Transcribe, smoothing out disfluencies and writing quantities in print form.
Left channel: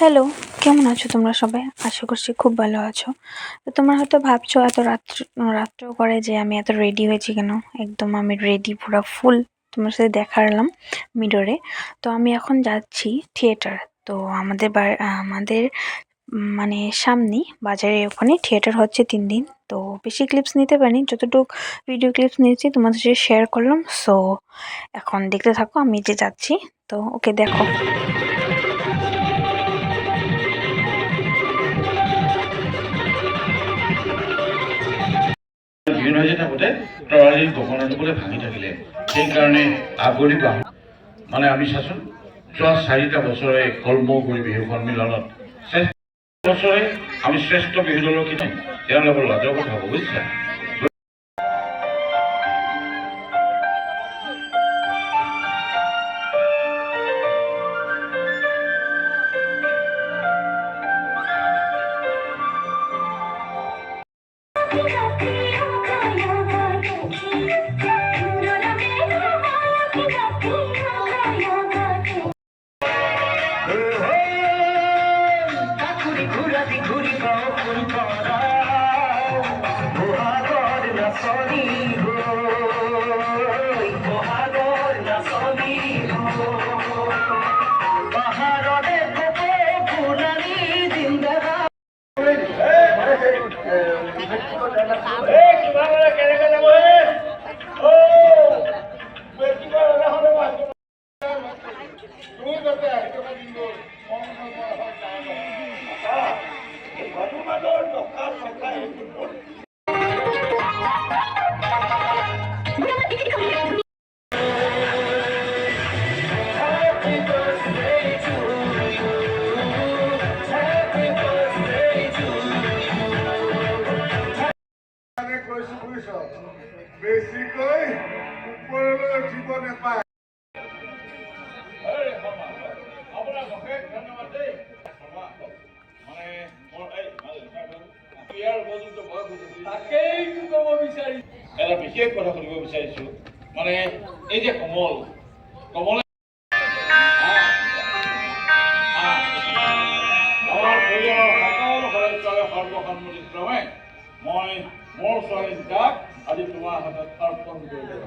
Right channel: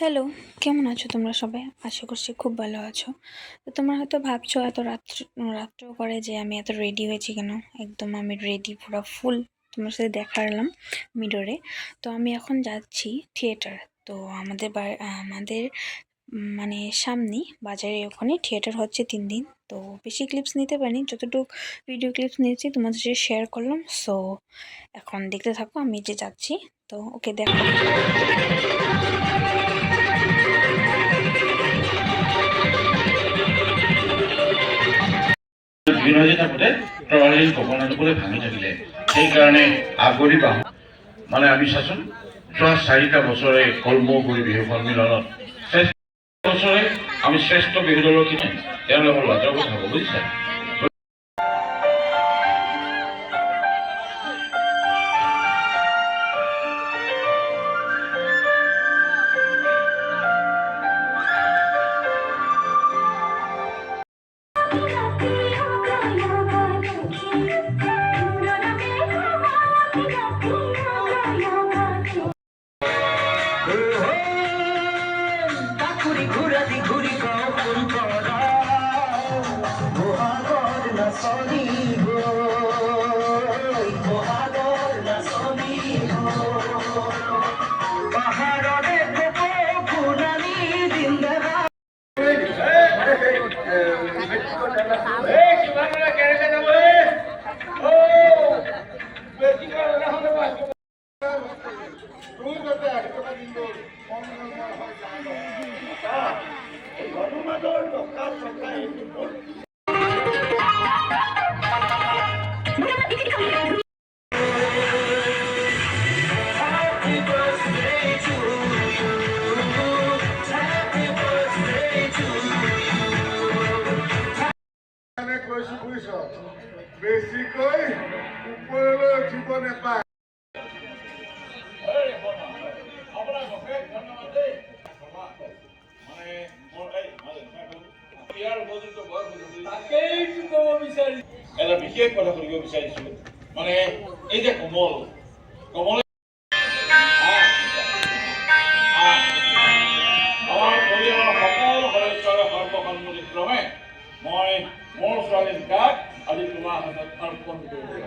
Hello, কেমন আছো তোমরা সবাই? আশা করছি খুব ভালো আছো। তো তোমরা হয়তো ভাবছো এত রাত্রেও করে যে আমি এত রেডি হয়েছি কেন? একদম আমি রেডি পুরা ফুল তোমার সাথে দেখালাম মিররে। তো আমি এখন যাচ্ছি থিয়েটার। তো আমাদের মানে সামনেই বাজারের ওখানে থিয়েটার হচ্ছে ৩ দিন। তো বেশি ক্লিপস নিতে পারিনি, যতটুকু ভিডিও ক্লিপস নিয়েছি তোমাদের সাথে শেয়ার করলাম। সো এখন দেখতে থাকো আমি যে যাচ্ছি। তো ওকে দেখো। ভিৰ হৈ থাকোঁতে তৰালীৰ গগনাটোলৈ ভাঙি থাকিলে। সেইকাৰণে আগৰি বাহু মানে আমি চাচোন যোৱা ৪টা বছৰে কৰ্ম কৰি বিহু সন্মিলনত বছৰে আমি শ্ৰেষ্ঠ বিহু দলৰ কিনে তেওঁলোকৰ লাজৰ কথা হ'ব বুজিছে। বেছিকৈ ওপৰলৈ উঠিব নাপায়। এটা বিশেষ কথা সুধিব বিচাৰিছো, মানে এই যে কমল আমাৰ পৰিয়ালৰ সকলো সদস্যৰে সৰ্বসন্মতিক্ৰমে মই মোৰ ছোৱালী দুটাক আজি তোমাৰ হাতত অৰ্পণ কৰিলোঁ।